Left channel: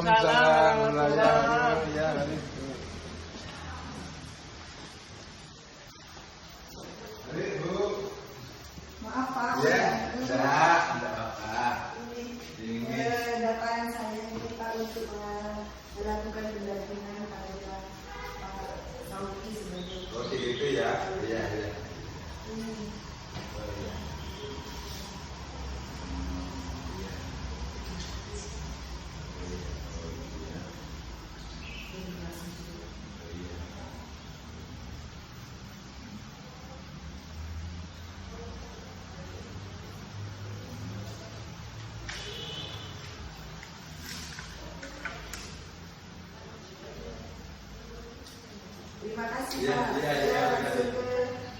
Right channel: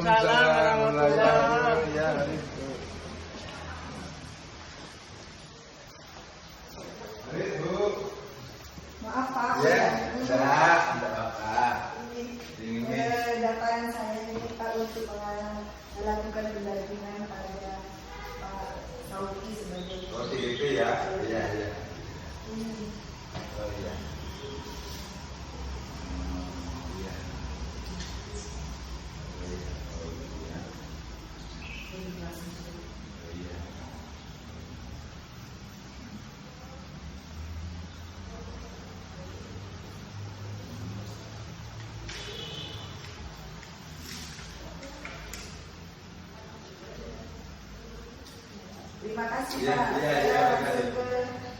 Waalaikumsalam warahmatullahi wabarakatuh. Maaf Pak. Ya, tidak apa-apa. Ini datangan saya ini Pak untuk melakukan pendampingan pada Pak Sauki sebagai. Oh gitu ya, iya. Hmm. Oh iya. Terima kasih Iya, Pak. iya, iya, terima kasih.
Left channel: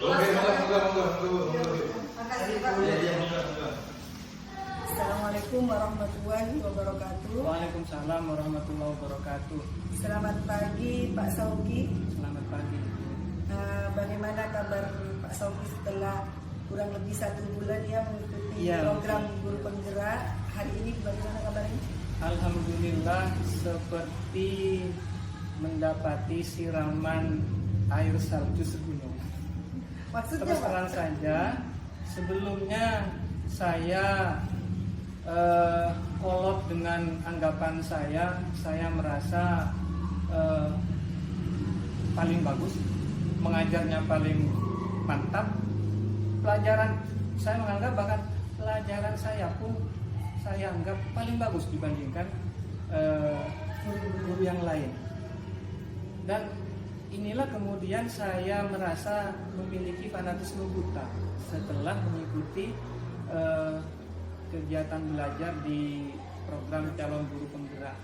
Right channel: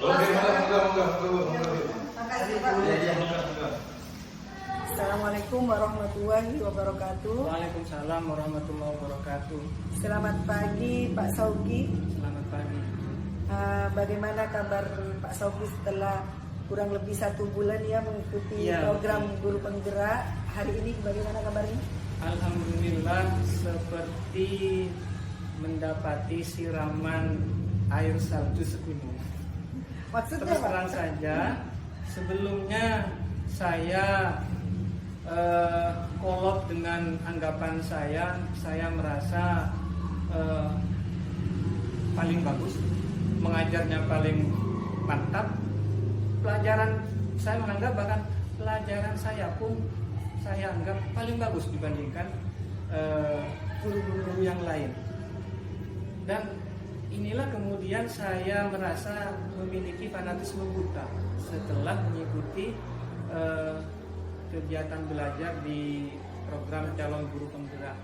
Oke, monggo. Terima kasih Pak. Iya, monggo. Assalamualaikum warahmatullahi wabarakatuh. Waalaikumsalam warahmatullahi wabarakatuh. Selamat pagi Pak Sauki. Selamat pagi. Bagaimana kabar Pak Sauki setelah kurang lebih 1 bulan ya mengikuti Iya, program Guru Penggerak? Hari ini bagaimana kabarnya? Alhamdulillah seperti mendapati siraman air salju segunung. Maksudnya Terus Pak? terang saja, sebelumnya saya kolot dengan anggapan saya merasa paling bagus, mengajarnya paling mantap. Pelajaran saya menganggap bahkan pelajaran saya pun saya anggap paling bagus dibandingkan guru-guru yang lain. Dan inilah kemudian saya merasa memiliki fanatisme buta setelah mengikuti kegiatan belajar di program calon guru penggerak.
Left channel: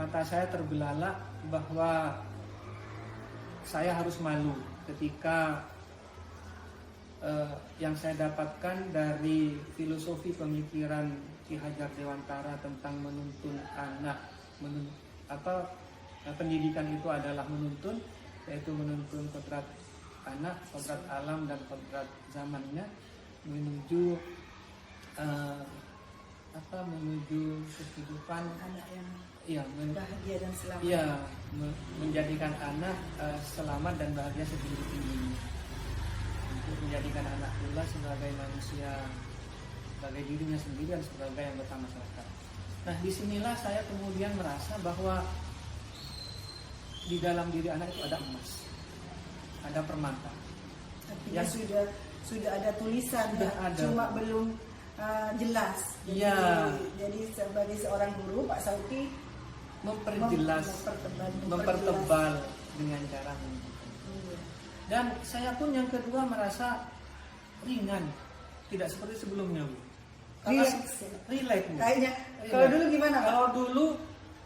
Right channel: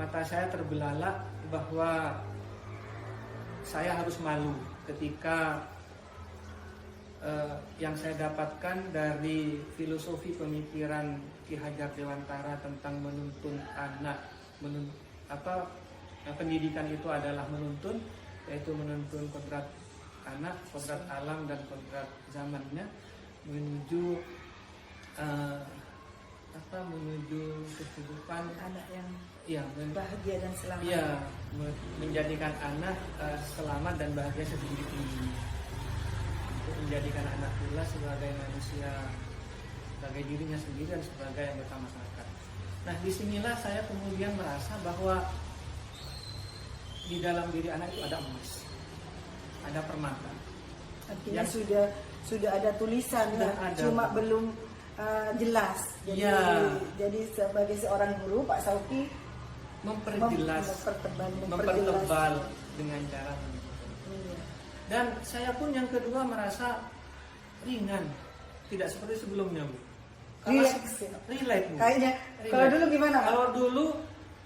Mata saya terbelalak bahwa saya harus malu ketika yang saya dapatkan dari filosofi pemikiran Ki Hajar Dewantara tentang menuntun anak, pendidikan itu adalah menuntun, yaitu menuntun kodrat anak, kodrat alam dan kodrat zamannya menuju menuju kehidupan Anak yang ya bahagia dan selamat. ya menjadikan anak selamat dan bahagia setinggi-tingginya, untuk menjadikan anak pula sebagai manusia, sebagai dirinya sendiri dan sebagai anggota masyarakat. Nah, disinilah saya kemudian merasa bahwa di dalam diri anak itu ada emas, ada permata. Artinya Yang sudah ada tulisan sudah ya, ada. cuma belum jelas. Jadi, Ya. jadi sebagai seorang guru Pak Sauki Memperjelas, mempertebal dengan cara menunjukkan. Iya. Dan saya pun yang kedua merasa ringan, tidak seperti sebelumnya, Bu. Kalau Relax, ya? relax, Bu. Kayaknya Relax. kalau dulu gimana Pak? Kalau dulu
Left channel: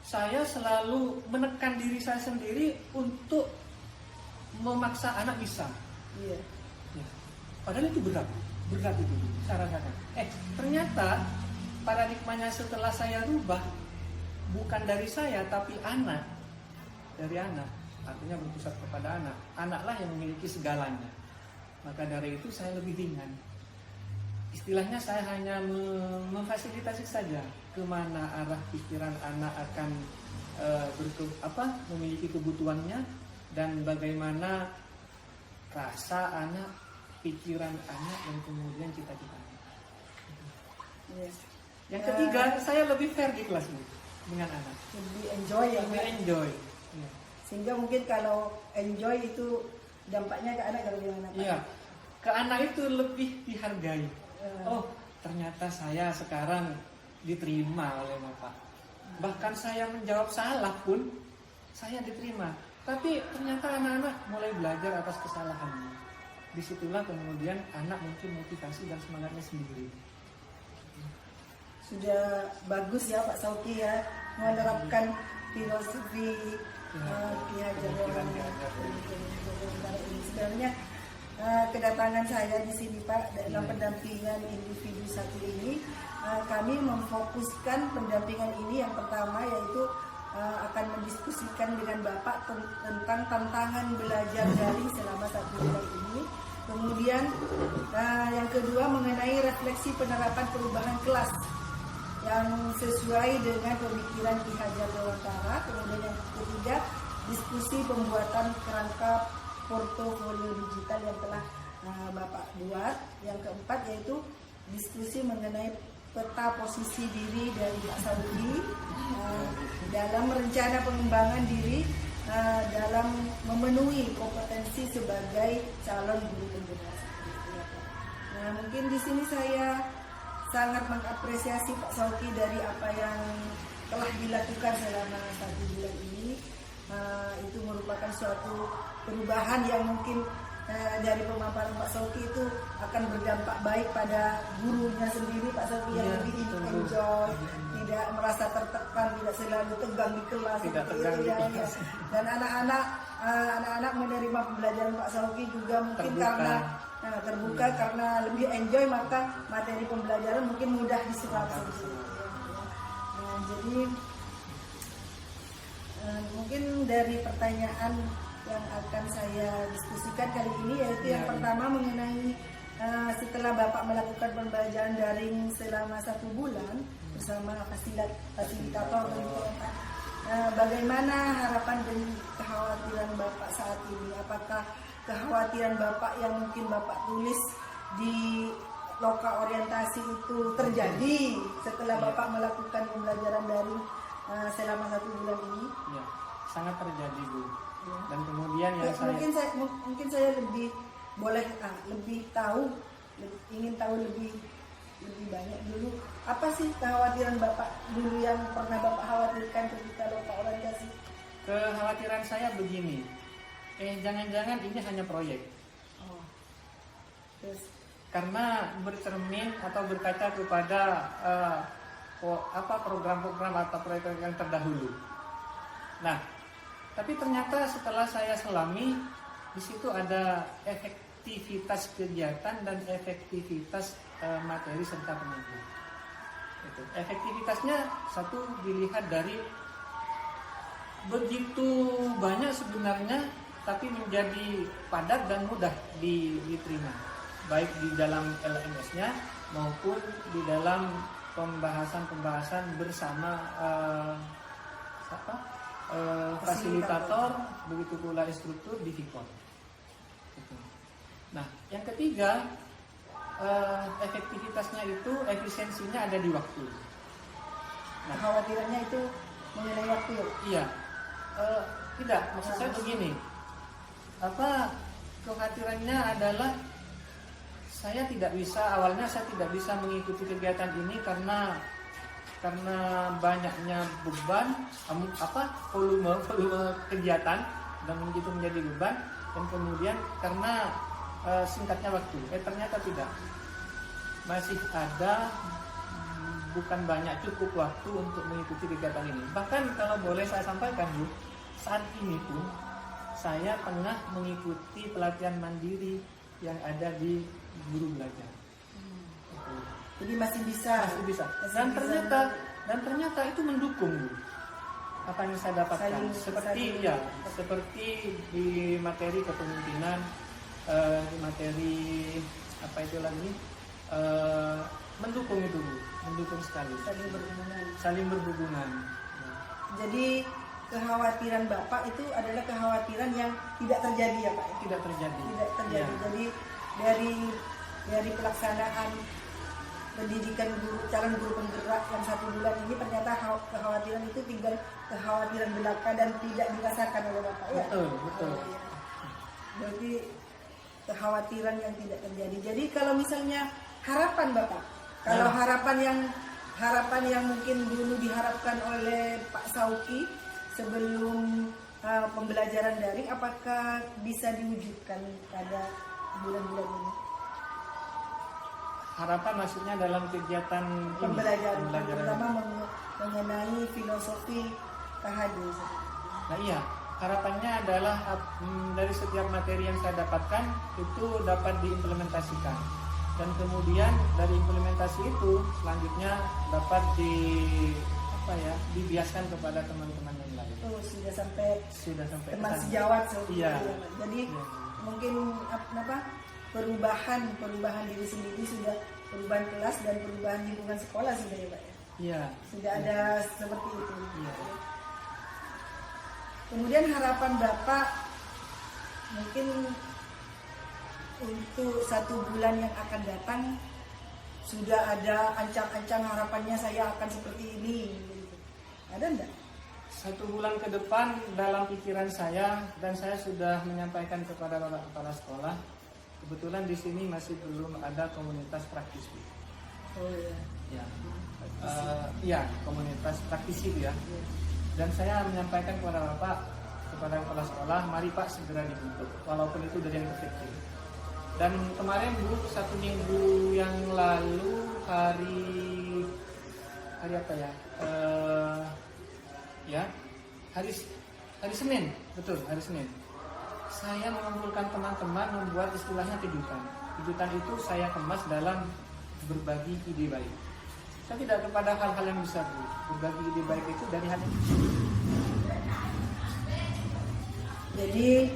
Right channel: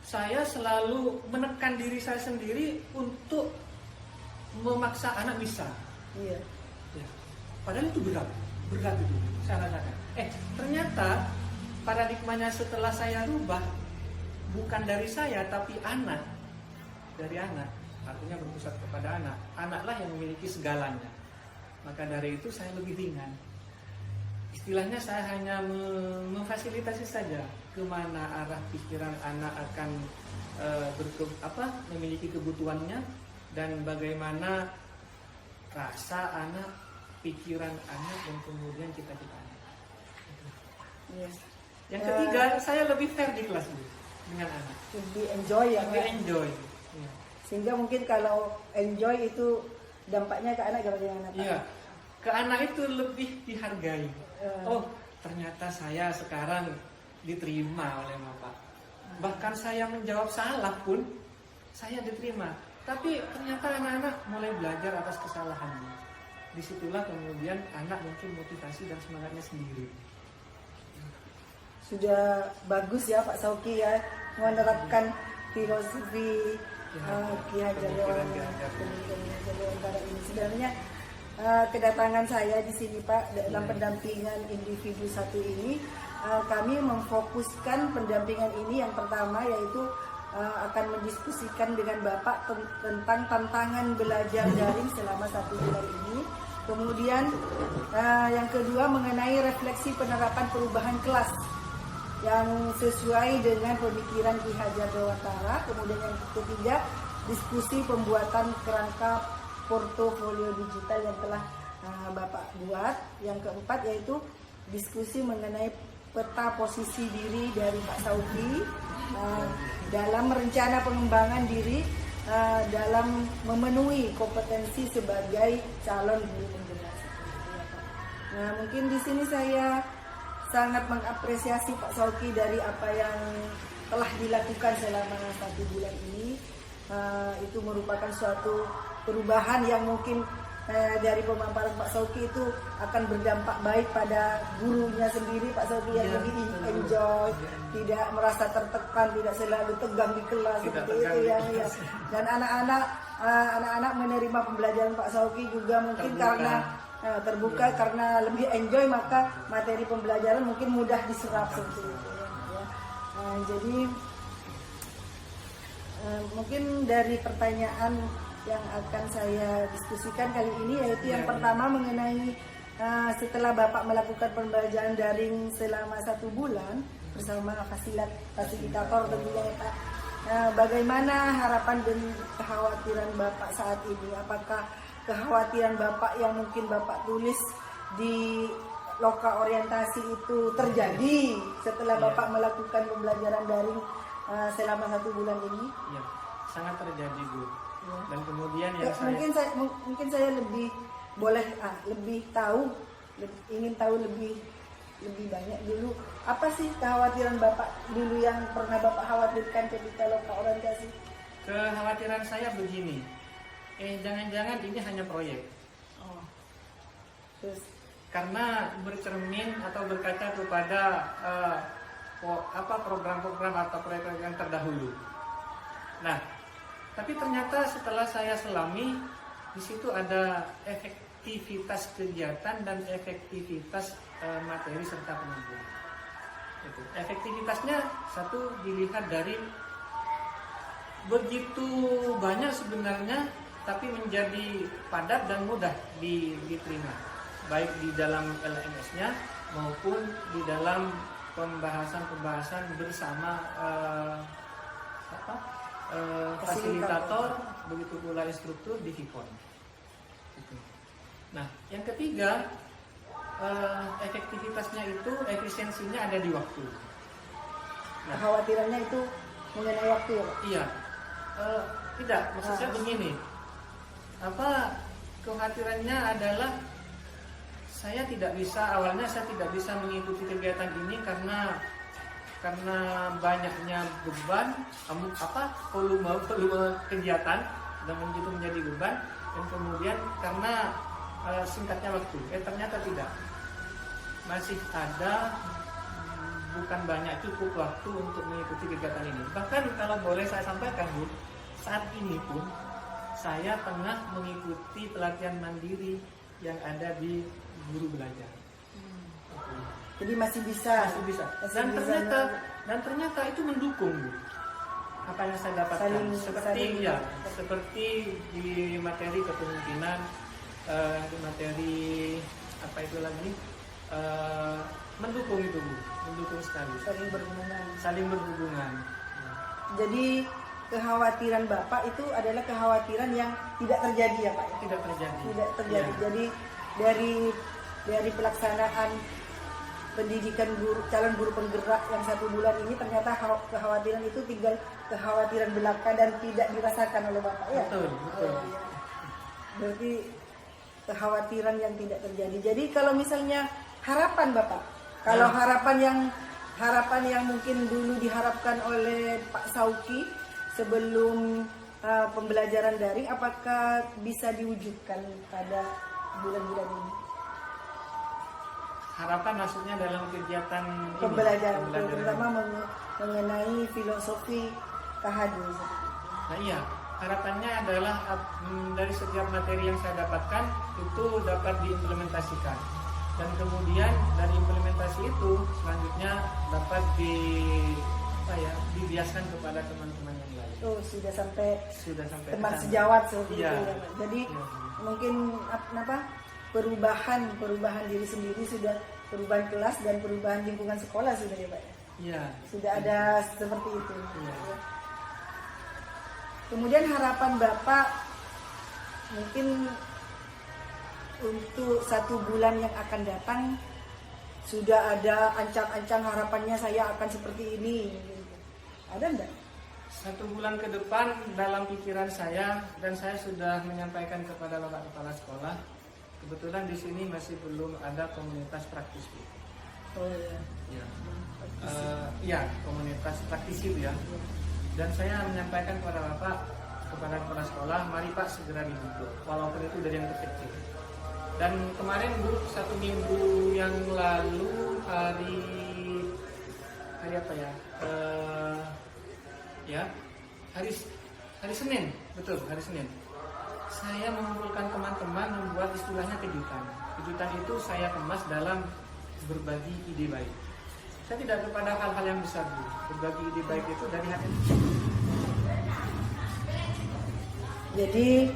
saya selalu menekan diri saya sendiri untuk memaksa anak bisa. Iya. Ya. Padahal itu berat itu saya rasakan. Ternyata paradigmanya setelah saya rubah, bukan dari saya tapi dari anak, artinya berpusat kepada anak. Anaklah yang memiliki segalanya. Maka dari itu saya lebih ringan. Istilahnya saya hanya memfasilitasi saja kemana arah pikiran anak akan memiliki kebutuhannya, dan bagaimana rasa anak, pikiran anak, dan kemudian cita-cita anak. Iya. Yang ketiga, saya lebih fair di kelas, Bu, dengan anak. Lebih enjoy ya Lebih Pak? enjoy. Ya. Sehingga mungkin kalau enjoy itu dampaknya ke anak bagaimana Pak? Iya, ke anak itu lebih dihargai. Oh, ternyata saya sekarang diterima oleh Bapak. Bahkan saya menjawab salah pun saya diterima. Tapi ternyata anak-anak mulai belajar atas kesalahannya. Disitulah kemudian anak muncul motivasi dan semangatnya sendiri. Sudah bagus ya Pak Sauki ya menerapkan filosofi Ki Hajar Dewantara ini. Sebenarnya kedatangan saya di sini Pak dalam pendampingan individu satu ini, kami memfokuskan pendampingan ini yang pertama yaitu akan mendiskusikan dengan Bapak tentang tantangan belajar daring selama 1 bulan ini. Kemudian yang kedua mengenai refleksi penerapan perubahan kelas yang sesuai dengan pemikiran Ki Hajar Dewantara. Kemudian yang ketiga, diskusi pembuatan kerangka portofolio digital yang telah Bapak buat. Yang keempat yaitu diskusi mengenai peta posisi diri dari Pak Sauki dalam rencana pengembangan diri dalam memenuhi kompetensi sebagai calon guru penggerak. Nah, mungkin di sini saya sangat mengapresiasi Pak Sauki dari apa yang telah dilakukan selama 1 bulan ini. Itu merupakan suatu perubahan yang mungkin dari pemaparan Pak Sauki itu akan berdampak baik pada gurunya sendiri, Pak Sauki yang lebih enjoy, tidak merasa tertekan, tidak selalu tegang di kelas seperti itu ya. Dan anak-anak menerima pembelajaran Pak Sauki juga mungkin terbuka karena lebih enjoy, maka materi pembelajaran mungkin mudah diserap seperti itu. Jadi mungkin dari pertanyaan yang akan saya diskusikan kali ini yaitu yang pertama mengenai setelah Bapak melakukan pembelajaran daring selama 1 bulan bersama fasilitator tentunya Pak, bagaimana harapan dan kekhawatiran Bapak saat ini? Apakah kekhawatiran Bapak yang mungkin Bapak tulis di loka orientasi itu terjadi setelah Bapak melakukan pembelajaran daring selama 1 bulan ini? Iya, sangat terjadi Bu. Ya. Dan kemudian yang mungkin saya lebih boleh lebih tahu, ingin tahu lebih banyak dulu. Apa sih kekhawatiran Bapak dulu yang pernah Bapak khawatirkan ketika loka orientasi? Kekhawatiran saya begini, jangan-jangan ini hanya proyek. Terus karena bercermin atau berkaca kepada program-program atau proyek-proyek yang terdahulu. Nah, tapi ternyata setelah saya selami, di situ ada efektivitas kegiatan dan efektivitas materi serta penelitian. Itu. Efektivitasnya satu dilihat dari begitu banyak sebenarnya, tapi menjadi padat dan mudah diterima, baik di dalam LMS-nya maupun di dalam pembahasan bersama fasilitator, begitu pula instruktur di Vikon. Nah, yang ketiga, efektivitasnya itu, efisiensinya ada di waktu. Nah, kekhawatirannya itu mengenai waktu ya Pak? Iya, tidak, maksud saya begini, kekhawatirannya adalah awalnya saya tidak bisa mengikuti kegiatan ini karena banyaknya beban, volume kegiatan dan begitu menjadi beban, dan kemudian karena singkatnya waktu. Ternyata tidak, masih ada bukan banyak, cukup waktu untuk mengikuti kegiatan ini. Bahkan kalau boleh saya sampaikan Bu, saat ini pun saya tengah mengikuti pelatihan mandiri yang ada di Guru Belajar. Jadi masih bisa. Dan ternyata itu mendukung Bu, apa yang saya dapatkan. Seperti di materi kepemimpinan, di materi mendukung itu Bu, mendukung sekali. Saling berhubungan. Jadi kekhawatiran Bapak itu adalah kekhawatiran yang tidak terjadi ya Pak? Tidak terjadi. Ya. Jadi dari pelaksanaan pendidikan calon guru penggerak yang 1 bulan ini, ternyata kekhawatiran itu tinggal kekhawatiran belaka dan tidak dirasakan oleh Bapak ya? Betul. Berarti kekhawatiran yang tidak terjadi. Jadi kalau misalnya harapan Bapak, kalau harapan yang mungkin dulu diharapkan oleh Pak Sauki sebelum pembelajaran daring, apakah bisa diwujudkan pada bulan-bulan ini? Harapan maksudnya dalam kegiatan pembelajaran terutama mengenai filosofi KHD. Nah iya, harapannya adalah dari setiap materi yang saya dapatkan itu dapat diimplementasikan, dan kemudian dari implementasi itu selanjutnya dapat dibiaskan kepada teman-teman yang lain. Sudah sampai teman sejawat iya. Jadi mungkin perubahan diri sendiri sudah, perubahan kelas dan perubahan lingkungan sekolah sudah ya Pak. Iya. Sudah ada seperti itu. Iya. Kemudian harapan Bapak mungkin untuk 1 bulan yang akan datang, sudah ada ancang-ancang harapannya saya akan seperti ini. Ada enggak? 1 bulan ke depan dalam pikiran saya, dan saya sudah menyampaikan kepada Bapak Kepala Sekolah, kebetulan di sini masih belum ada komunitas praktisi. Oh iya. Ya. Ya, komunitas praktisi Bu, ya. Dan saya menyampaikan kepada Bapak, kepada Kepala Sekolah, mari Pak segera dibentuk, walaupun itu dari yang terkecil. Dan kemarin Bu, 1 minggu yang lalu hari apa ya? Hari Senin, betul, hari Senin. Saya mengumpulkan teman-teman membuat istilahnya kejutan. Kejutan itu saya kemas dalam berbagi ide baik. Saya tidak kepada hal-hal yang besar Bu. Berbagi ide baik itu dari hati. Jadi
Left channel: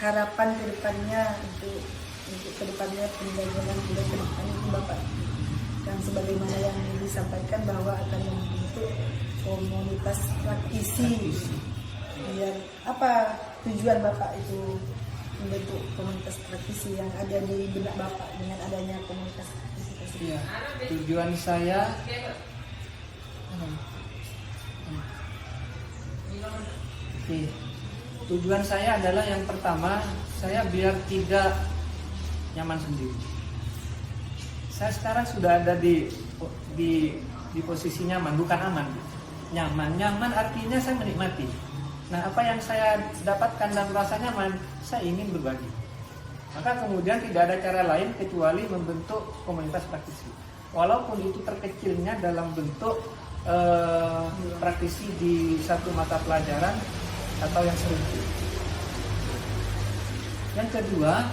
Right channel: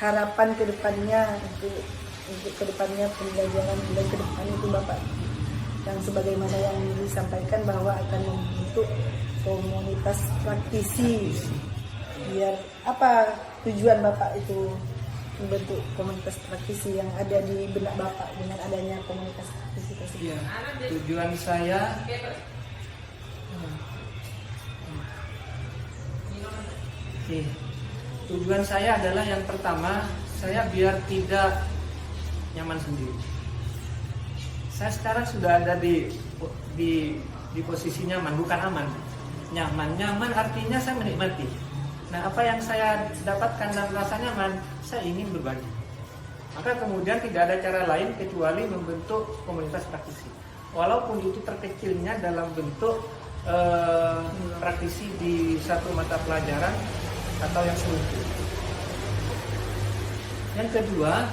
harapan kedepannya untuk kedepannya pembelajaran bulan ke depan itu Bapak, dan sebagaimana yang disampaikan bahwa akan membentuk komunitas praktisi. Biar apa tujuan Bapak itu membentuk komunitas praktisi yang ada di benak Bapak dengan adanya komunitas praktisi tersebut? Iya, tujuan saya tujuan saya adalah yang pertama, saya biar tidak nyaman sendiri. Saya sekarang sudah ada di posisi nyaman, bukan aman. Nyaman artinya saya menikmati. Nah, apa yang saya dapatkan dan rasa nyaman, saya ingin berbagi. Maka kemudian tidak ada cara lain kecuali membentuk komunitas praktisi. Walaupun itu terkecilnya dalam bentuk praktisi di satu mata pelajaran atau yang serupa. Yang kedua,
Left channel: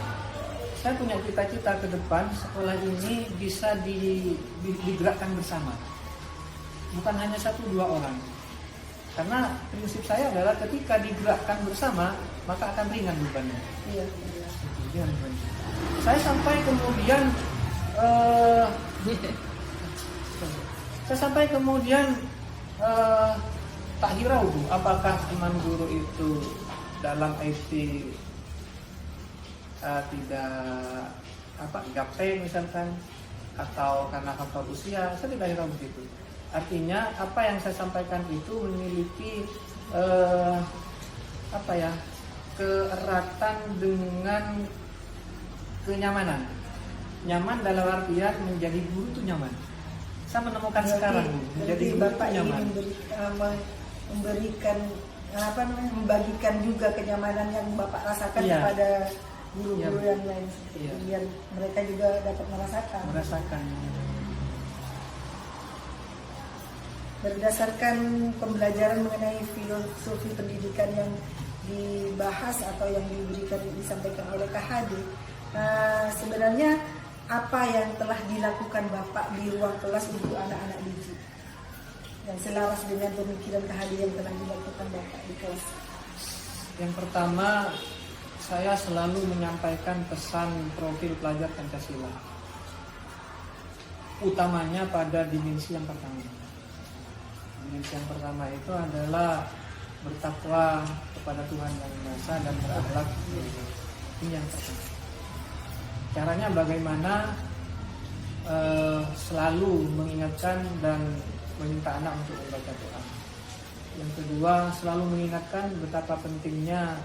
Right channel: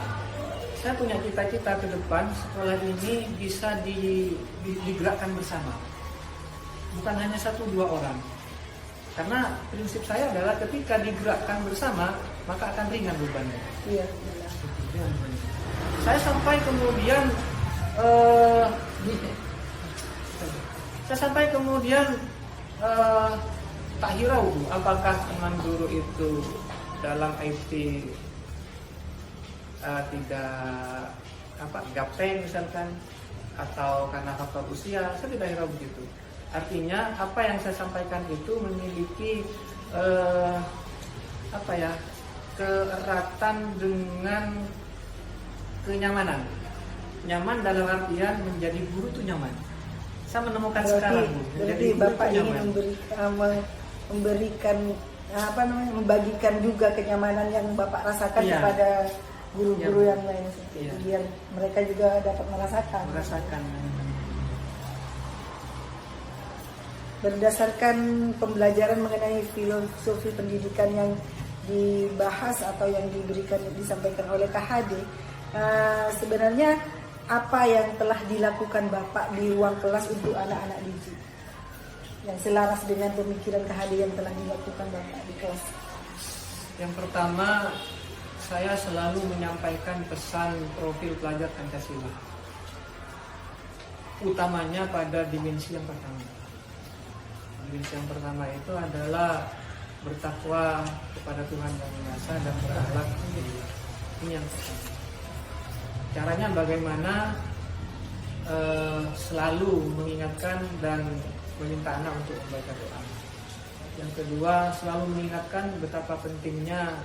saya punya cita-cita ke depan sekolah ini bisa digerakkan bersama. Bukan hanya 1-2 orang. Karena prinsip saya adalah ketika digerakkan bersama, maka akan ringan bebannya. Iya. Ringan bebannya. Saya sampai kemudian tak hirau Bu, apakah teman guru itu dalam IT tidak gaptek misalkan, atau karena faktor usia, saya tidak hirau begitu. Artinya apa yang saya sampaikan itu memiliki keeratan dengan kenyamanan. Nyaman dalam artian menjadi guru itu nyaman. Saya menemukan sekarang Bu, menjadi guru itu nyaman. Membagikan juga kenyamanan yang Bapak rasakan kepada guru-guru yang lain, biar mereka juga dapat merasakan. Berdasarkan pembelajaran mengenai filosofi pendidikan yang dibahas atau yang disampaikan oleh KHD, sebenarnya apa yang telah dilakukan Bapak di ruang kelas untuk anak-anak didik yang selaras dengan pemikiran KHD yang telah dilakukan Bapak di kelas? Yang pertama, saya selalu menyampaikan pesan profil pelajar Pancasila, utamanya pada dimensi yang pertama. Dimensi yang pertama itu adalah bertakwa kepada Tuhan Yang Maha Esa dan berakhlak mulia. Ini yang pertama. Caranya bagaimana? Selalu mengingatkan dan meminta anak untuk membaca doa. Yang kedua, selalu mengingatkan betapa pentingnya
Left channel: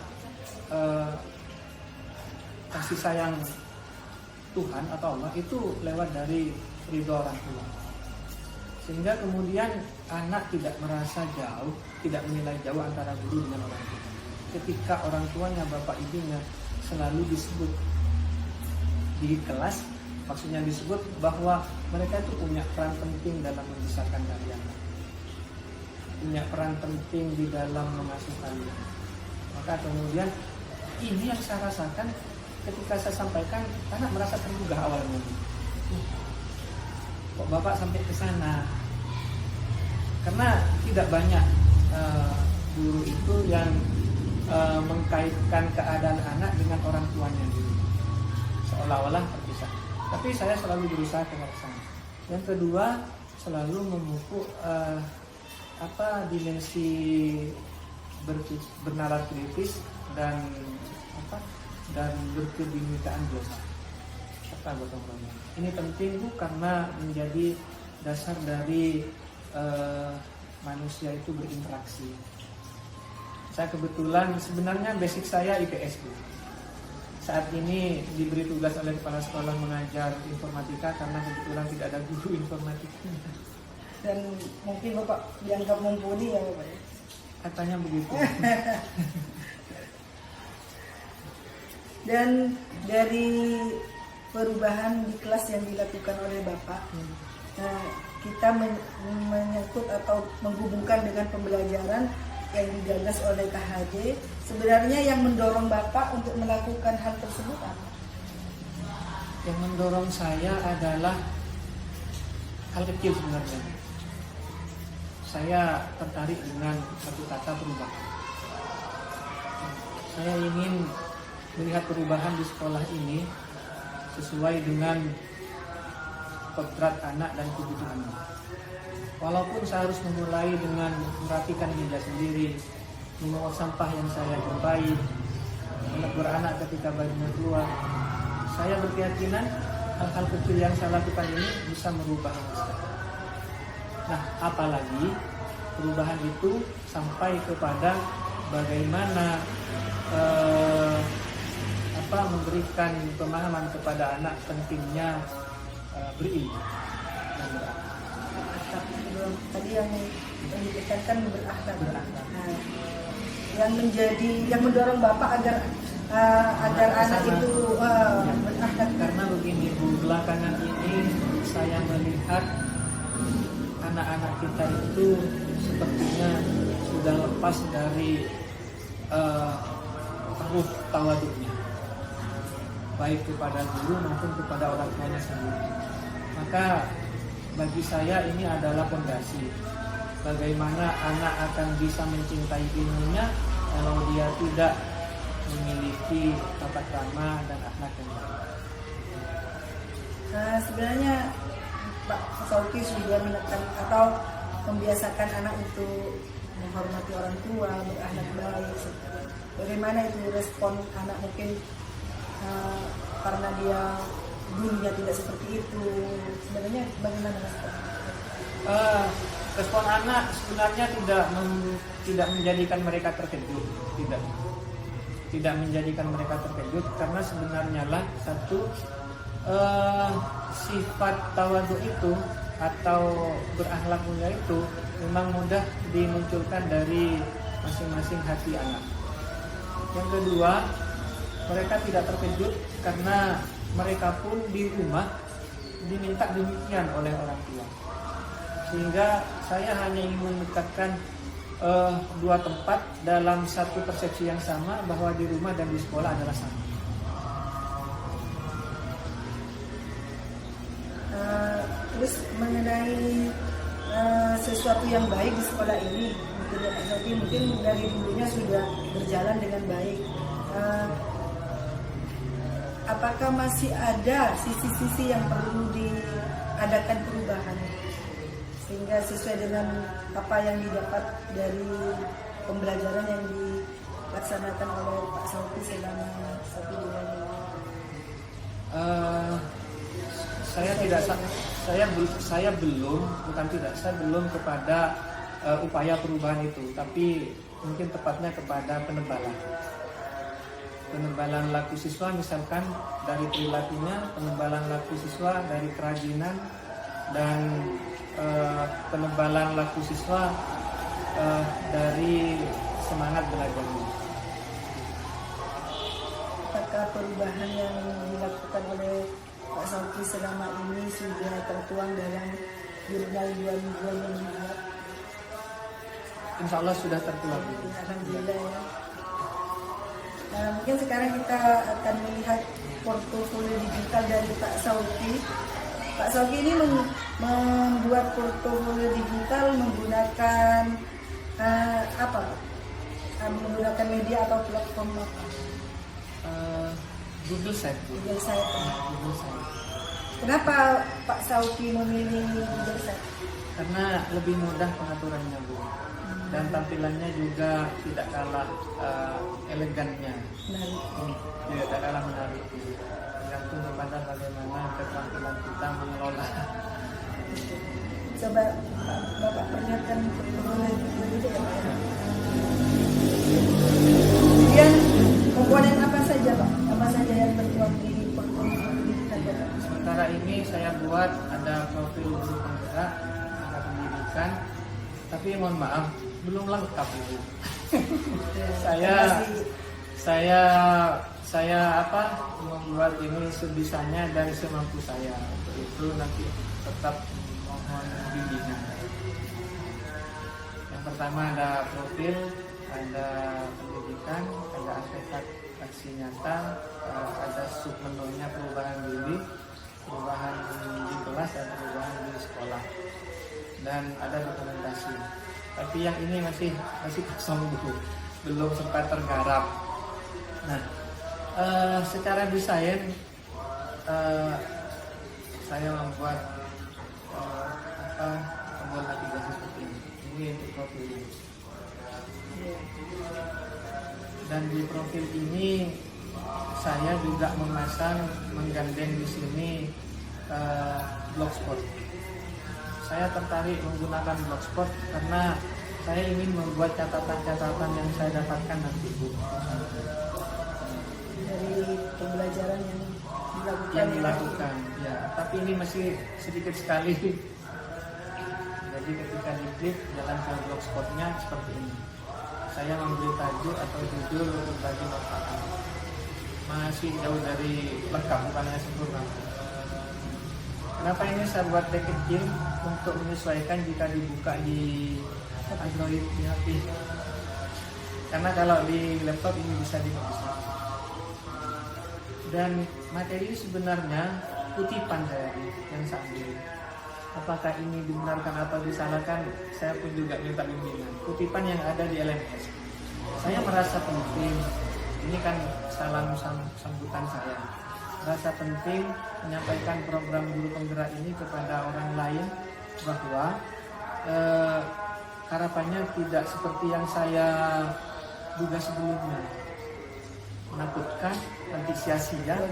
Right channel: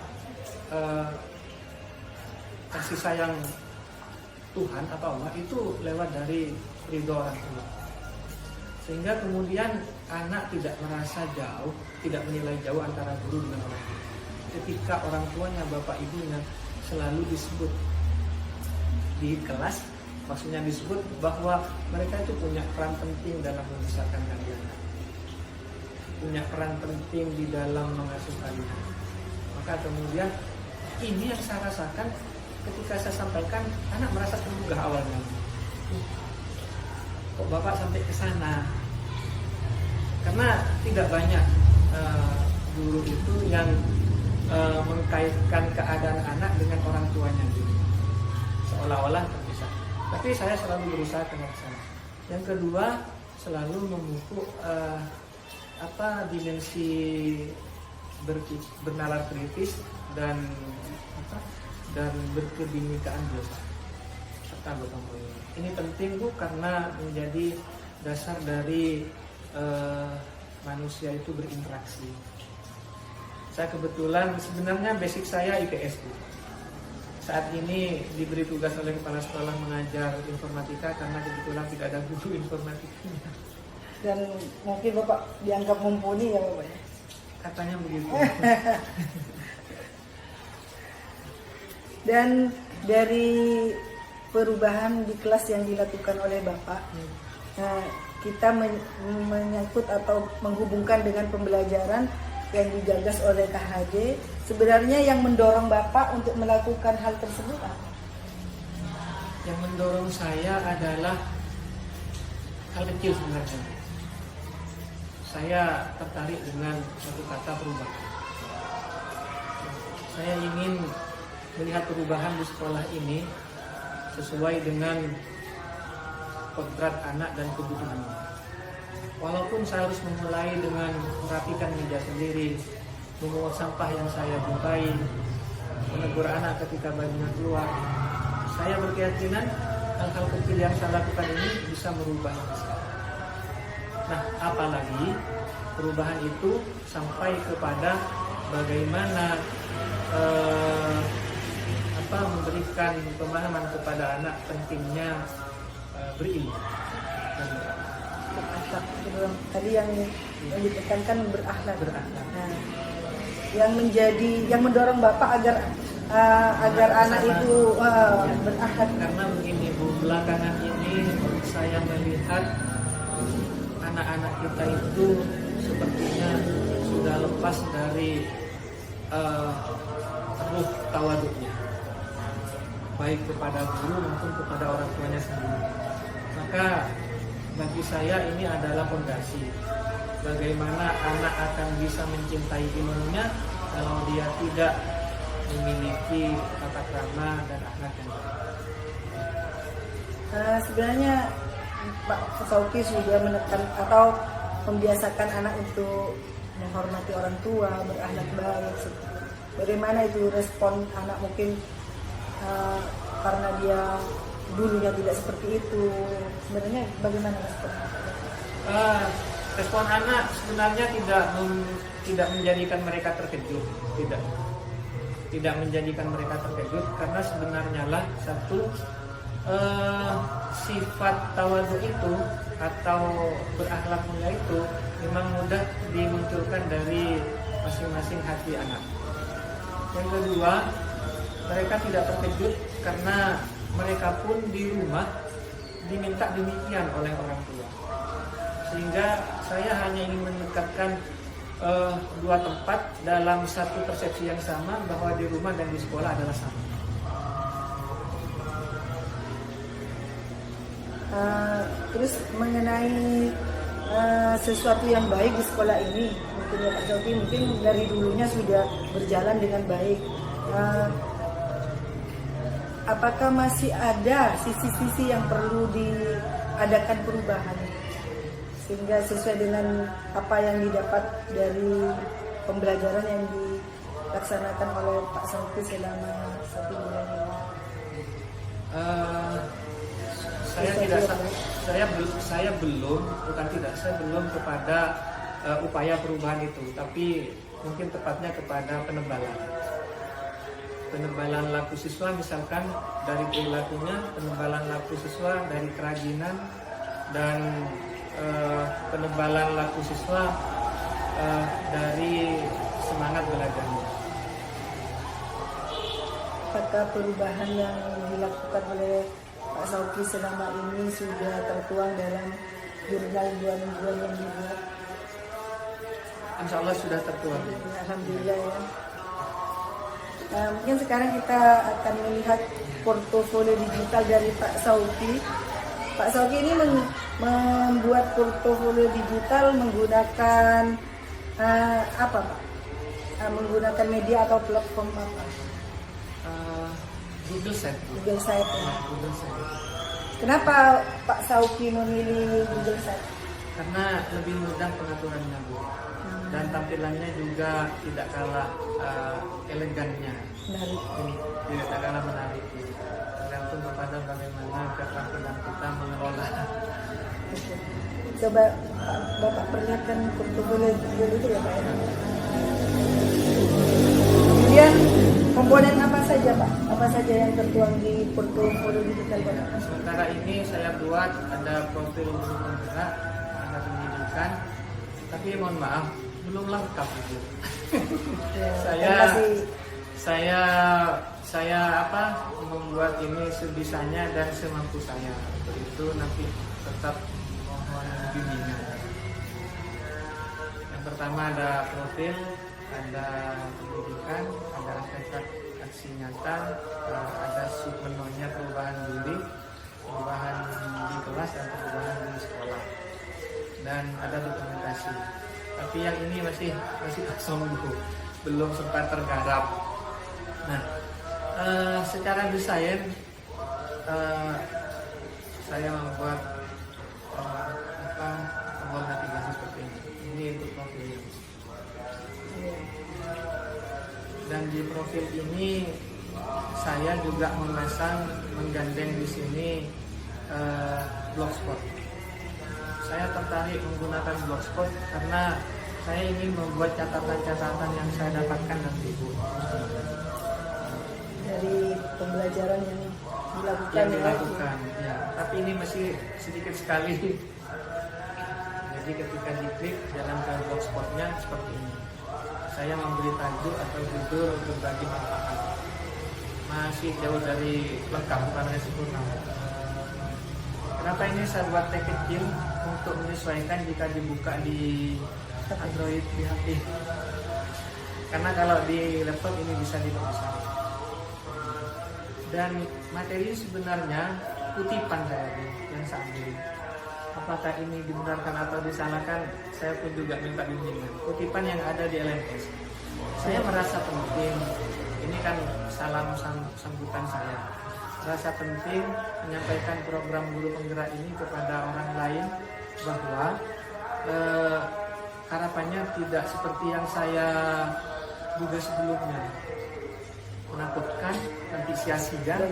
kasih sayang Tuhan atau Allah itu lewat dari ridho orang tua. Sehingga kemudian anak tidak merasa jauh, tidak menilai jauh antara guru dengan orang tua. Ketika orang tuanya, bapak ibunya selalu disebut di kelas, maksudnya disebut bahwa mereka itu punya peran penting dalam membesarkan kalian, punya peran penting di dalam mengasuh kalian. Maka kemudian ini yang saya rasakan ketika saya sampaikan, anak merasa tergugah awalnya. Kok bapak sampai ke sana? Karena tidak banyak guru itu yang mengkaitkan keadaan anak dengan orang tuanya dulu, seolah-olah terpisah. Tapi saya selalu berusaha ke arah sana. Yang kedua, selalu memupuk dimensi bernalar kritis dan berkebinekaan dosa serta gotong royong. Ini penting Bu karena menjadi dasar dari manusia itu berinteraksi. Saya kebetulan sebenarnya basic saya IPS Bu. Saat ini diberi tugas oleh kepala sekolah mengajar informatika karena kebetulan tidak ada guru informatikanya. Dan mungkin Bapak dianggap mumpuni ya Bapak ya? Katanya begitu. Dan dari perubahan di kelas yang dilakukan oleh Bapak, kita menyangkut atau menghubungkan dengan pembelajaran yang digagas oleh KHD. Sebenarnya yang mendorong Bapak untuk melakukan hal tersebut apa? Yang mendorong saya adalah hal kecil sebenarnya. Saya tertarik dengan satu kata perubahan. Saya ingin melihat perubahan di sekolah ini sesuai dengan kodrat anak dan kebutuhannya. Walaupun saya harus memulai dengan merapikan meja sendiri, memungut sampah yang saya jumpai, menegur anak ketika bayinya keluar, saya berkeyakinan hal-hal kecil yang saya lakukan ini bisa merubah yang besar. Nah, apalagi perubahan itu sampai kepada bagaimana memberikan pemahaman kepada anak pentingnya berilmu dan berakhlak. Tadi yang ditekankan berakhlak. Berakhlak. Yang mendorong Bapak agar anak itu berakhlak. Karena begini Bu, belakangan ini saya melihat anak-anak kita itu sepertinya sudah lepas dari ruh tawaduknya, baik kepada guru maupun kepada orang tuanya sendiri. Maka bagi saya ini adalah fondasi bagaimana anak akan bisa mencintai ilmunya kalau dia tidak memiliki tata krama dan akhlak yang baik. Sebenarnya Pak Sauki sudah menekan atau membiasakan anak untuk menghormati orang tua, berakhlak baik. Bagaimana itu respon anak mungkin karena dia dulunya tidak seperti itu? Sebenarnya bagaimana respon? Respon anak sebenarnya tidak menjadikan mereka terkejut, tidak menjadikan mereka terkejut karena sebenarnya lah satu sifat tawadhu itu atau berakhlak mulia itu memang mudah dimunculkan dari masing-masing hati anak. Yang kedua, mereka tidak terkejut karena mereka pun di rumah diminta demikian oleh orang tua. Sehingga saya hanya ingin mendekatkan dua tempat dalam satu persepsi yang sama bahwa di rumah dan di sekolah adalah sama. Terus mengenai sesuatu yang baik di sekolah ini, mungkin ya Pak Sauki, mungkin dari dulunya sudah berjalan dengan baik. Apakah masih ada sisi-sisi yang perlu diadakan perubahan sehingga sesuai dengan apa yang didapat dari pembelajaran yang dilaksanakan oleh Pak Sauki selama 1 bulan ini? Saya belum kepada upaya perubahan itu, tapi mungkin tepatnya kepada penebalan laku siswa, misalkan dari perilakunya, penebalan laku siswa dari kerajinan, dan penebalan laku siswa dari semangat belajarnya. Apakah perubahan yang dilakukan oleh Pak Sauki selama ini sudah tertuang dalam jurnal 2 mingguan yang dibuat? Insya Allah sudah tertuang. Alhamdulillah ya. Mungkin sekarang kita akan melihat portofolio digital dari Pak Sauki. Pak Sauki ini membuat portofolio digital menggunakan apa Pak? Menggunakan media atau platform apa? Google Site. Google Site. Google Site. Kenapa Pak Sauki memilih Bijaksana? Karena lebih mudah pengaturannya Bu, dan tampilannya juga tidak kalah elegannya. Menarik. Ini tidak kalah menarik. Tergantung kepada bagaimana keterampilan kita mengelola. Coba Bapak perlihatkan portofolio itu ya Pak. Kemudian komponen apa saja Pak? Apa saja yang tertuang di portofolio digital Bapak? Sementara ini saya buat ada profil guru penggerak, ada pendidikan, tapi mohon maaf belum lengkap Ibu. saya membuat ini sebisanya dan semampu saya. Untuk itu nanti tetap mohon bimbingan. Yang pertama ada profil, ada pendidikan, ada aksi nyata, ada submenunya perubahan diri, perubahan di kelas dan perubahan di sekolah, dan ada dokumentasi. Tapi yang ini masih kosong dulu, belum sempat tergarap. Nah, secara desain saya membuat tombol navigasi seperti ini. Ini untuk profilnya. Dan di profil ini saya juga menggandeng di sini Blogspot. Saya tertarik menggunakan Blogspot karena saya ingin membuat catatan-catatan yang saya dapatkan nanti Bu. Dari pembelajaran yang dilakukan, ya. Tapi ini masih sedikit sekali. Jadi ketika diklik jalan ke Blogspotnya seperti ini. Saya memberi tajuk atau judul berbagi manfaat. Masih jauh dari lengkap, bukan hanya sempurna. Kenapa ini saya buat tag kecil untuk menyesuaikan jika dibuka di Android di HP? Karena kalau di laptop ini bisa diperbesar. Dan materi sebenarnya kutipan saya yang saya ambil. Apakah ini dibenarkan atau disalahkan, saya pun juga minta bimbingan. Kutipan yang ada di LMS, saya merasa penting. Ini kan salam sambutan saya. Merasa penting menyampaikan program guru penggerak ini kepada orang lain, bahwa harapannya tidak seperti yang saya duga sebelumnya, menakutkan, nanti sia-sia.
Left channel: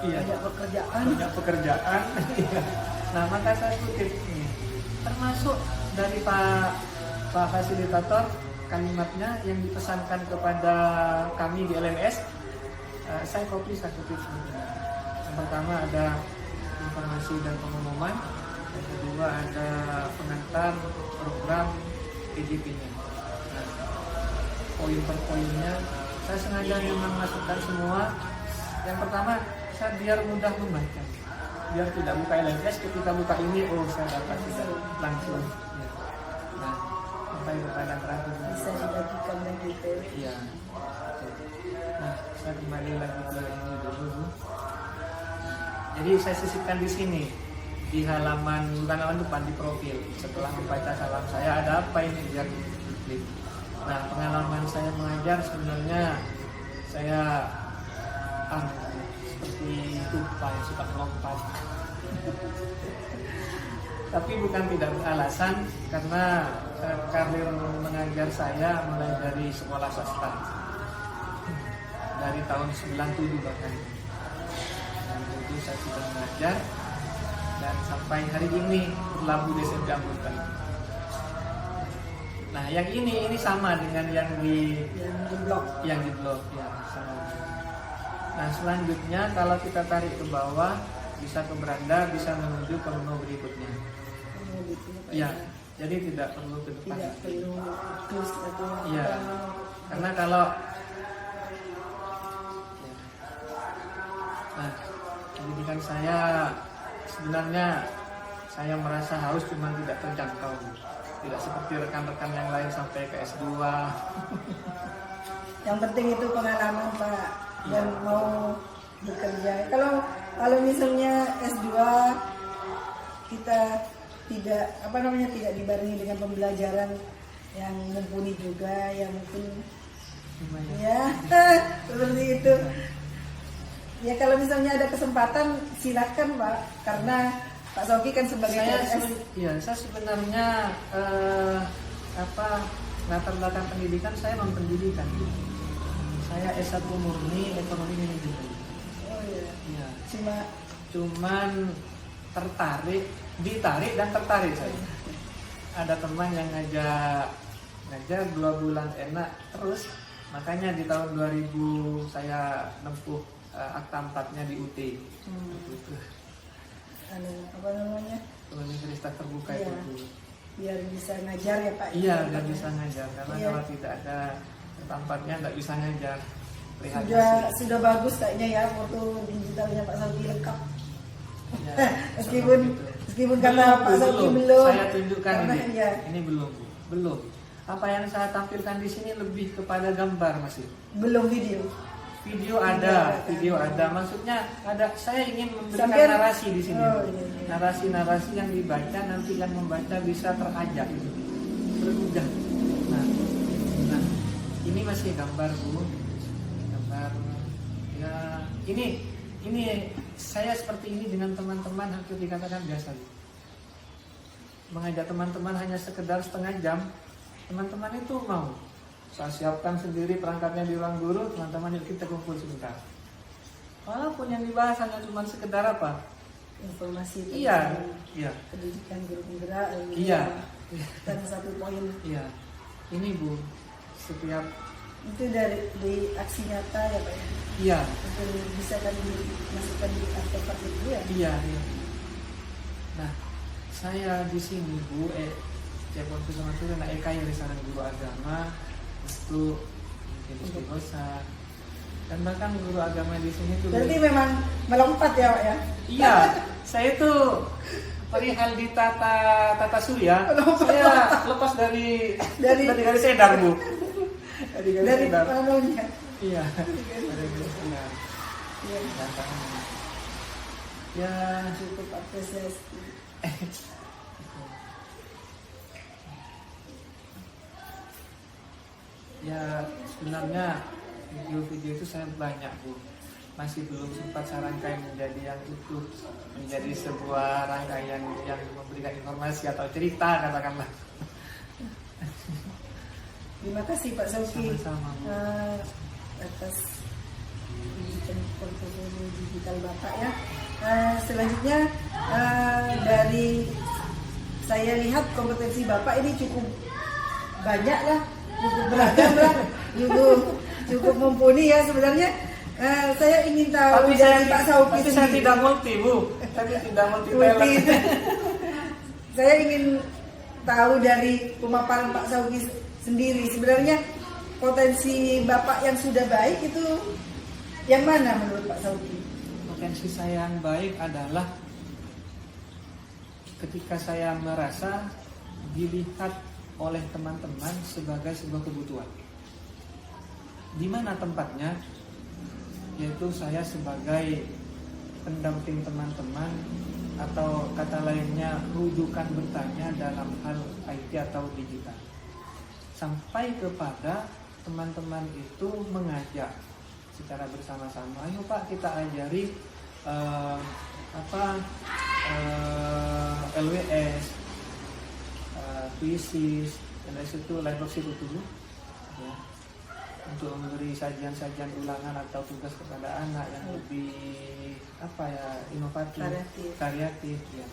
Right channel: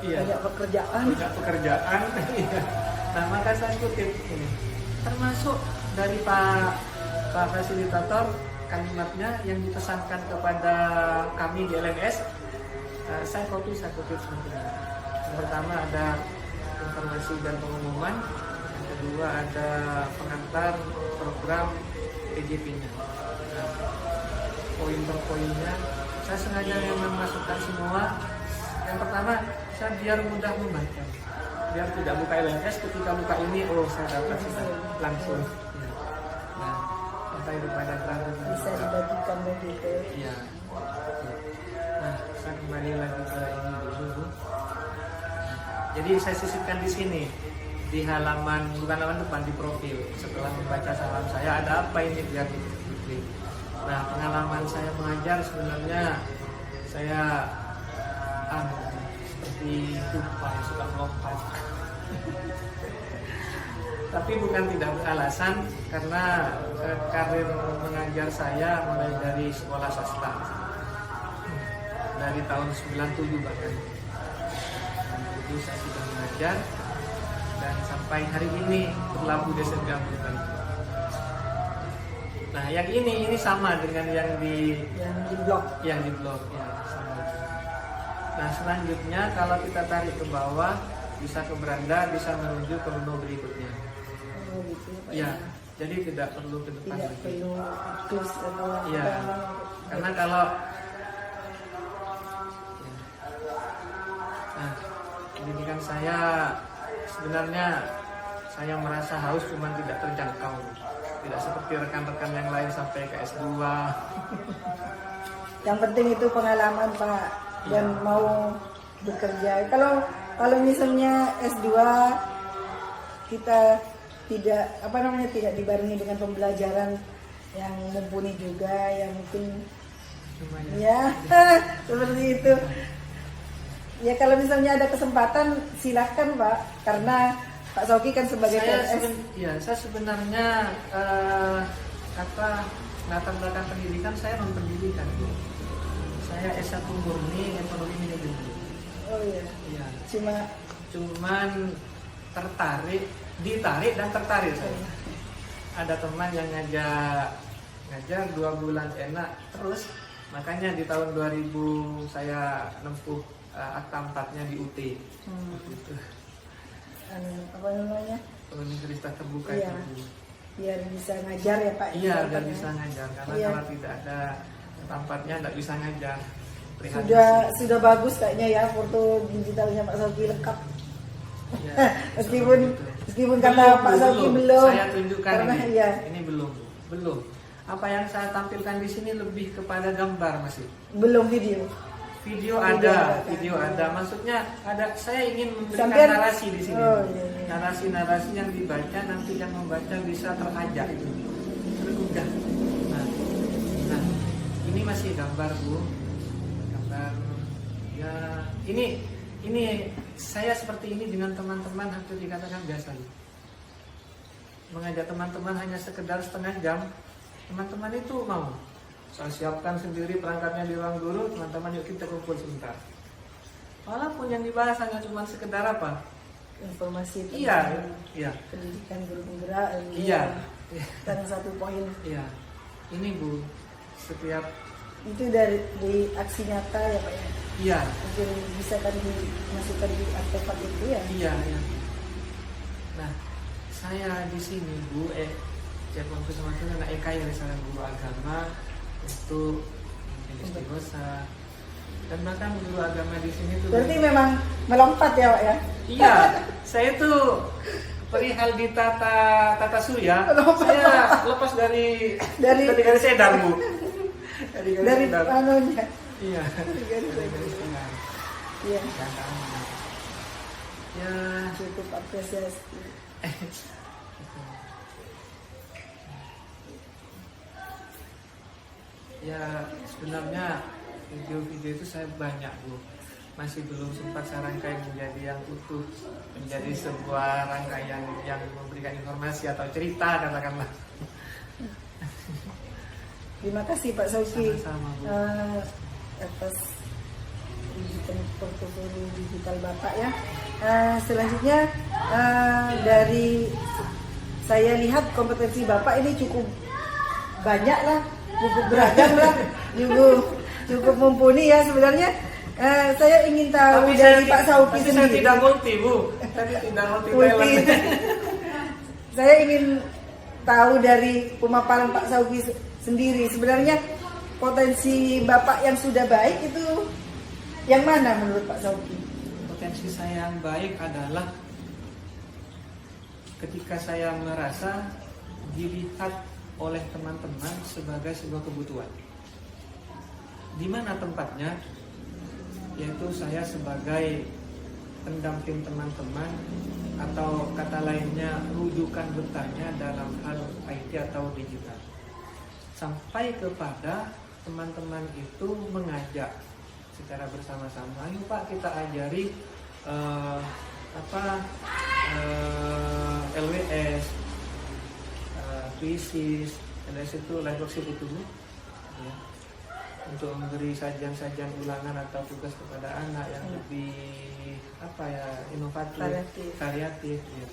Banyak pekerjaan. Iya. Nah, maka saya kutip ini, termasuk dari Pak Fasilitator, kalimatnya yang dipesankan kepada kami di LMS. Saya kutip seperti ini. Yang pertama ada informasi dan pengumuman, yang kedua ada pengantar program PJP-nya. Nah, poin per poinnya saya sengaja memang masukkan semua. Yang pertama, saya biar mudah membaca, biar tidak buka LMS, ketika buka ini saya dapat sudah langsung ya. Nah, sampai kepada grafiknya Bisa dibagikan begitu. iya. Nah, saya kembali lagi ke ini dulu Bu. Jadi saya sisipkan di sini, di halaman, bukan halaman depan, di profil. Setelah membaca salam saya, ada apa ini biar diklik. Nah, pengalaman saya mengajar sebenarnya saya seperti tupai yang suka melompat. Tapi bukan tidak beralasan, karena karir mengajar saya mulai dari sekolah swasta. Dari tahun 97 bahkan. 97 saya sudah mengajar, dan sampai hari ini berlabuh di SMP Ambutan. Nah, yang ini sama dengan yang di blog ya, sama. Nah, selanjutnya kalau kita tarik ke bawah, bisa ke beranda, bisa menuju ke menu berikutnya. Gitu, ya, jadi tidak perlu ke depan tidak lagi. perlu terus Iya, karena kalau ya. Nah, pendidikan saya sebenarnya saya merasa haus, cuman tidak terjangkau. Tidak seperti rekan-rekan yang lain sampai ke S2. Yang penting itu pengalaman Pak, dan mau bekerja. Kalau misalnya S2 kita tidak tidak dibarengi dengan pembelajaran yang mumpuni juga, yang mungkin Lumayan. ya seperti itu. Ya kalau misalnya ada kesempatan silakan Pak, karena Pak Sauki kan sebagai PNS. Saya sebenarnya latar belakang pendidikan saya non pendidikan. Saya S1 murni ekonomi manajemen. Oh iya. Iya. Cuman ditarik dan tertarik saya. Ada teman yang ngajar 2 bulan enak terus, makanya di tahun 2000 saya nempuh akta 4-nya di UT. Gitu. Apa namanya? Universitas terbuka Iya. itu. Biar bisa ngajar ya Pak. Iya, biar bisa ngajar. Karena Iya. kalau tidak ada akta 4-nya nggak bisa ngajar. Prihatin sih. Sudah bagus kayaknya ya foto digitalnya Pak Sauki lengkap. Ya, meskipun kata Pak Sauki belum. Saya tunjukkan karena, ini. Iya. Ini belum, Bu. Belum. Apa yang saya tampilkan di sini lebih kepada gambar masih. Belum video. Video ada. Maksudnya ada. Saya ingin memberikan Sampai- narasi di sini. Oh, iya. Narasi-narasi yang dibaca nanti yang membaca bisa terajak itu, tergugah. Nah, ini masih gambar Bu. Gambar. Ya, ini saya seperti ini dengan teman-teman hampir dikatakan biasa. Mengajak teman-teman hanya sekedar setengah jam, teman-teman itu mau. Saya siapkan sendiri perangkatnya di ruang guru, teman-teman yuk kita kumpul sebentar. Walaupun yang dibahas hanya cuma sekedar apa? Informasi Iya. pendidikan guru penggerak. Iya. Dan 1 poin Iya. Ini Bu, setiap itu dari aksi nyata ya Pak. iya. Mungkin bisa kan dimasukkan di artefak itu ya. Iya. Nah, saya di sini Bu, Cepon Kusuma itu anak EKI Risalah Guru Agama untuk menjadi istighosa. Dan bahkan guru agama di sini tuh. Berarti memang melompat ya Pak ya. Iya, saya tuh perihal di tata surya, saya lepas dari garis sedar Bu. Dari garis sedar. anunya. Iya, dari garis sedar. Iya. Ya, kan. Ya, Cukup apresiasi. ya sebenarnya video-video itu saya banyak Bu, masih belum sempat saya rangkai menjadi yang utuh, menjadi sebuah rangkaian yang memberikan informasi atau cerita katakanlah. Terima kasih Pak Sauki Sama-sama, Bu. atas digital portofolio digital Bapak ya. Selanjutnya dari saya lihat kompetensi Bapak ini cukup banyak lah, cukup beragam lah, cukup mumpuni ya sebenarnya. Saya ingin tahu dari Pak Sauki tapi sendiri. saya tidak multi Bu, tapi tidak multi talent. Saya ingin tahu dari pemaparan Pak Sauki sendiri sebenarnya potensi Bapak yang sudah baik itu yang mana menurut Pak Sauki? Potensi saya yang baik adalah ketika saya merasa dilihat oleh teman-teman sebagai sebuah kebutuhan. Di mana tempatnya? Yaitu saya sebagai pendamping teman-teman atau kata lainnya rujukan bertanya dalam hal IT atau digital. Sampai kepada teman-teman itu mengajak secara bersama-sama, ayo Pak kita ajari LWS, Twisis, LWS itu live worksheet itu ya, untuk memberi sajian-sajian ulangan atau tugas kepada anak yang lebih inovatif, kreatif ya.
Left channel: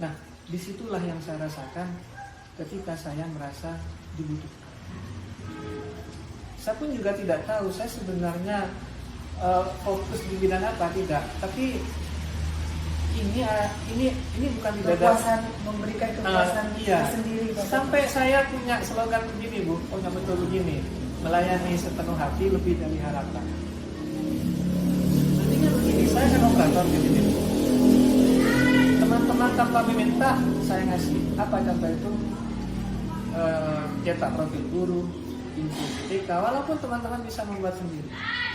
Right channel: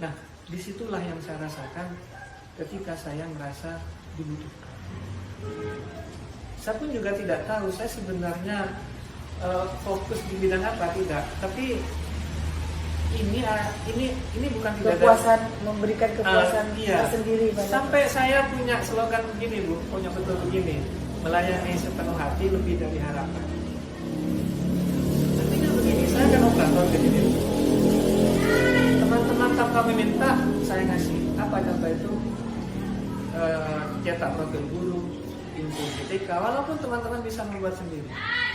Nah, disitulah yang saya rasakan ketika saya merasa dibutuhkan. Saya pun juga tidak tahu saya sebenarnya fokus di bidang apa, tidak. Tapi ini bukan tidak Kepuasan, memberikan kepuasan iya. sendiri. Sampai saya punya slogan begini Bu, punya betul begini, melayani sepenuh hati lebih dari harapan. Artinya begini, saya kan operator di sini Bu. Teman-teman tanpa meminta saya ngasih. Apa contoh itu? Cetak profil guru, info PTK, walaupun teman-teman bisa membuat sendiri.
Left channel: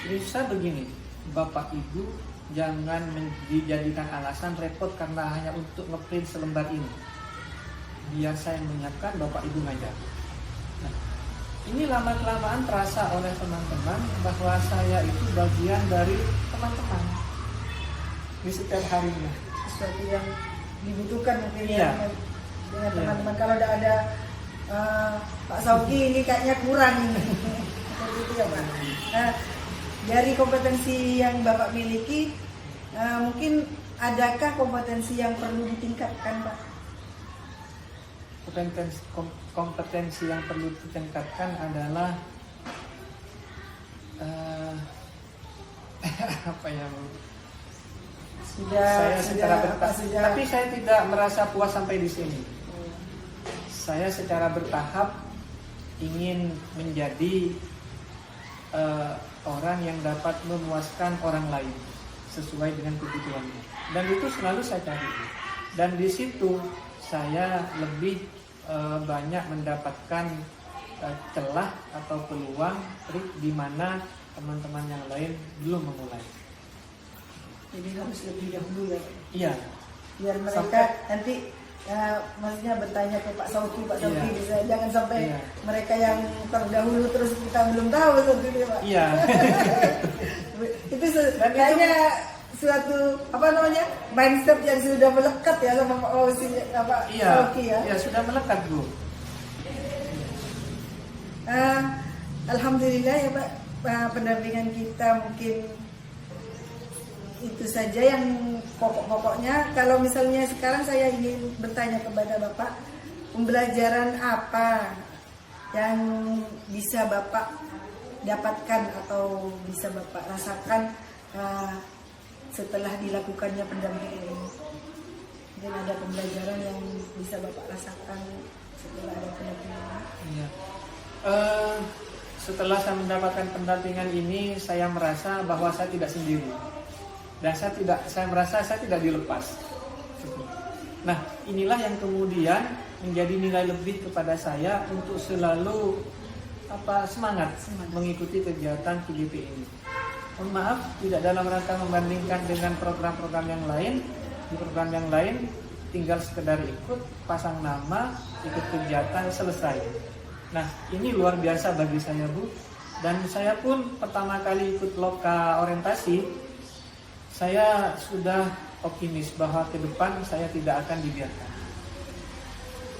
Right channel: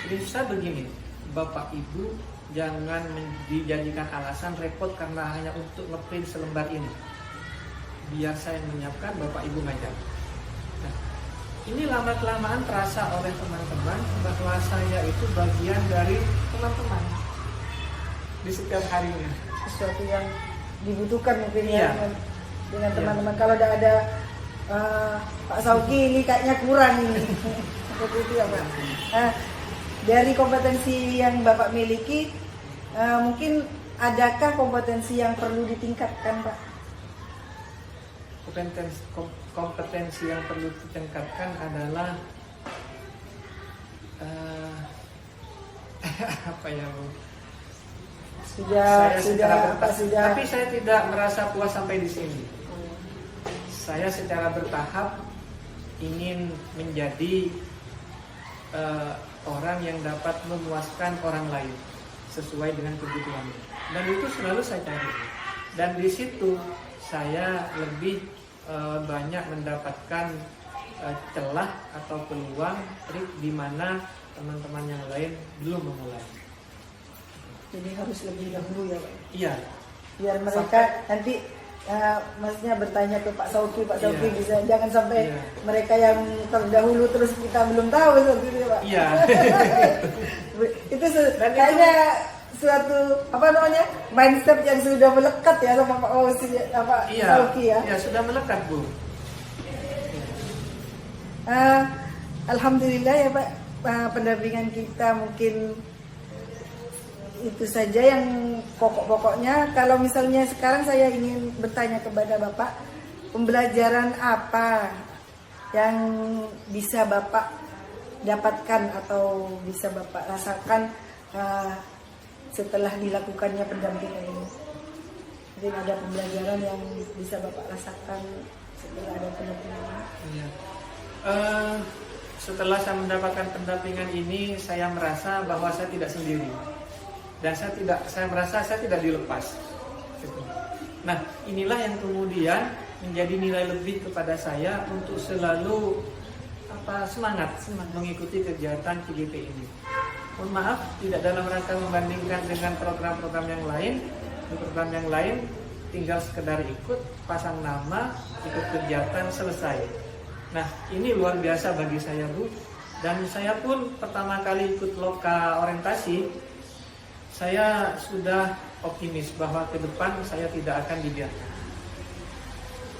Jadi saya begini, Bapak Ibu jangan dijadikan alasan repot karena hanya untuk ngeprint selembar ini. Biar saya menyiapkan, Bapak Ibu ngajar. Nah, ini lama-kelamaan terasa oleh teman-teman bahwa saya itu bagian dari teman-teman. di setiap harinya. Sesuatu yang dibutuhkan mungkin Iya. ya dengan teman-teman. Kalau tidak ada Pak Sauki ini kayaknya kurang ini. Seperti itu ya Pak. Dari kompetensi yang Bapak miliki, mungkin adakah kompetensi yang perlu ditingkatkan Pak? Kompetensi yang perlu ditingkatkan adalah apa ya Bu? Tapi saya tidak merasa puas sampai di sini. Saya secara bertahap ingin menjadi orang yang dapat memuaskan orang lain sesuai dengan kebutuhannya, dan itu selalu saya cari. Dan di situ saya lebih banyak mendapatkan celah atau peluang trik di mana teman-teman yang lain belum memulai. Jadi harus lebih dahulu ya Pak? Iya. Biar mereka nanti maksudnya bertanya ke Pak Sauki bisa, jangan sampai mereka yang terdahulu terus kita belum tahu seperti itu Pak. Iya. Itu kayaknya suatu mindset yang sudah melekat ya sama Pak Sauki ya. Iya, sudah melekat Bu. Alhamdulillah ya Pak, pendampingan kita mungkin itu saja yang pokok-pokoknya. Kalau misalnya sekarang saya ingin bertanya kepada Bapak, pembelajaran apa yang bisa Bapak dapatkan atau bisa Bapak rasakan setelah dilakukannya pendampingan ini? Mungkin ada pembelajaran yang bisa Bapak rasakan setelah ada pendampingan ini? Iya. Setelah saya mendapatkan pendampingan ini, saya merasa bahwa saya tidak sendiri. Dan saya merasa saya tidak dilepas. Nah, inilah yang kemudian menjadi nilai lebih kepada saya untuk selalu semangat mengikuti kegiatan CGP ini. Mohon maaf, tidak dalam rangka membandingkan dengan program-program yang lain. Di program yang lain tinggal sekedar ikut, pasang nama, ikut kegiatan, selesai. Nah, ini luar biasa bagi saya Bu. Dan saya pun pertama kali ikut loka orientasi, saya sudah optimis bahwa ke depan saya tidak akan dibiarkan.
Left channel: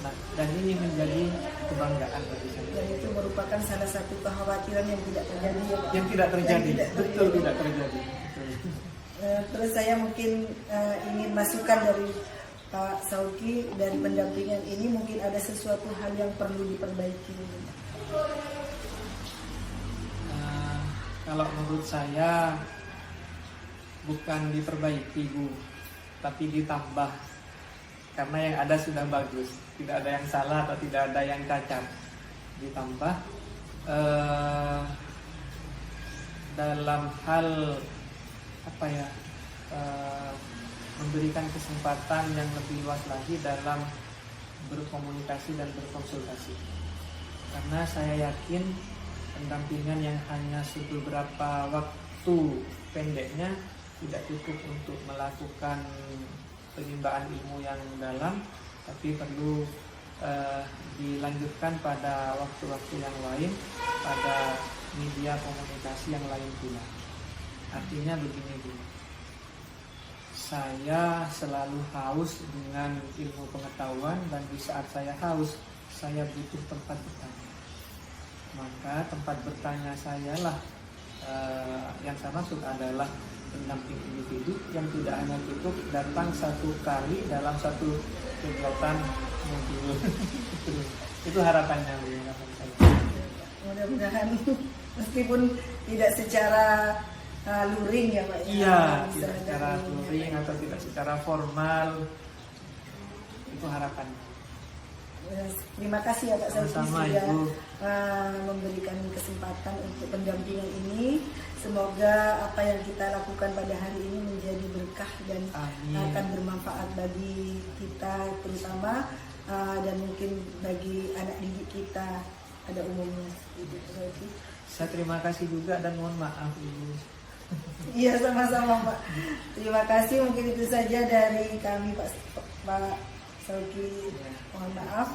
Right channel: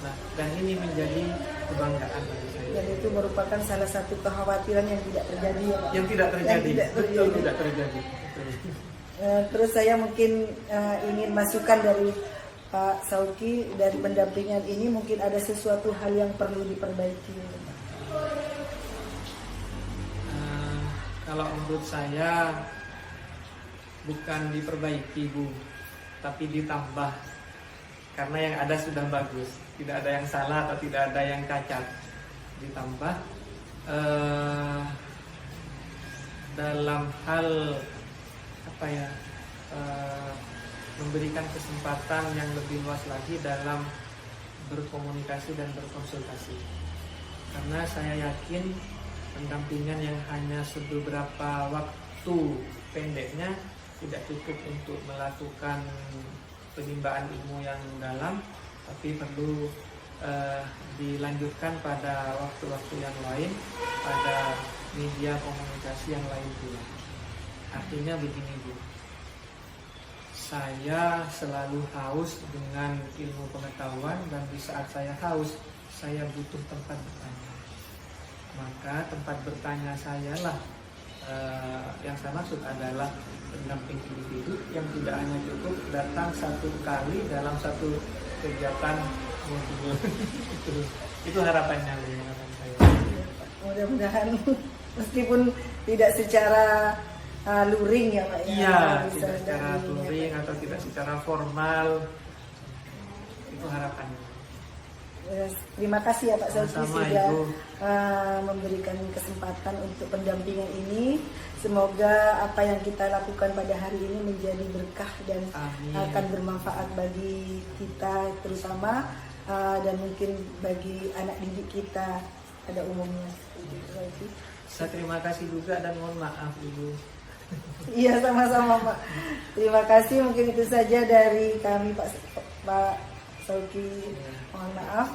Nah, dan ini menjadi kebanggaan bagi saya. Dan itu merupakan salah satu kekhawatiran yang tidak terjadi ya Pak? Yang tidak terjadi, betul tidak terjadi. Betul. Terus saya mungkin ingin masukan dari Pak Sauki, dan pendampingan ini mungkin ada sesuatu hal yang perlu diperbaiki. Kalau menurut saya bukan diperbaiki Bu, tapi ditambah, karena yang ada sudah bagus, tidak ada yang salah atau tidak ada yang cacat. Ditambah dalam hal memberikan kesempatan yang lebih luas lagi dalam berkomunikasi dan berkonsultasi, karena saya yakin pendampingan yang hanya beberapa waktu pendeknya tidak cukup untuk melakukan penimbangan ilmu yang dalam, tapi perlu dilanjutkan pada waktu-waktu yang lain, pada media komunikasi yang lain pula. Artinya begini Bu, saya selalu haus dengan ilmu pengetahuan, dan di saat saya haus, saya butuh tempat bertanya. Maka tempat bertanya saya lah yang saya maksud adalah pendamping individu yang tidak hanya cukup datang satu kali dalam satu kegiatan modul. Itu harapannya, harapan saya. Mudah-mudahan meskipun tidak secara luring ya Pak. Iya, tidak secara luring atau tidak secara formal. Itu harapannya. Terima kasih ya Pak Sauki Sama-sama, sudah Ibu. Memberikan kesempatan untuk pendampingan ini. Semoga apa yang kita lakukan pada hari ini menjadi berkah dan akan bermanfaat bagi kita terutama, dan mungkin bagi anak didik kita pada umumnya. Saya terima kasih juga dan mohon maaf Ibu. Iya, sama-sama Pak. Terima kasih, mungkin itu saja dari kami Pak Sauki. Mohon maaf.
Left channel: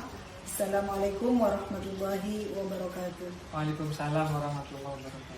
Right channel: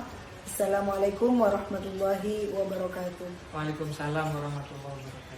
Assalamualaikum warahmatullahi wabarakatuh. Waalaikumsalam warahmatullahi wabarakatuh.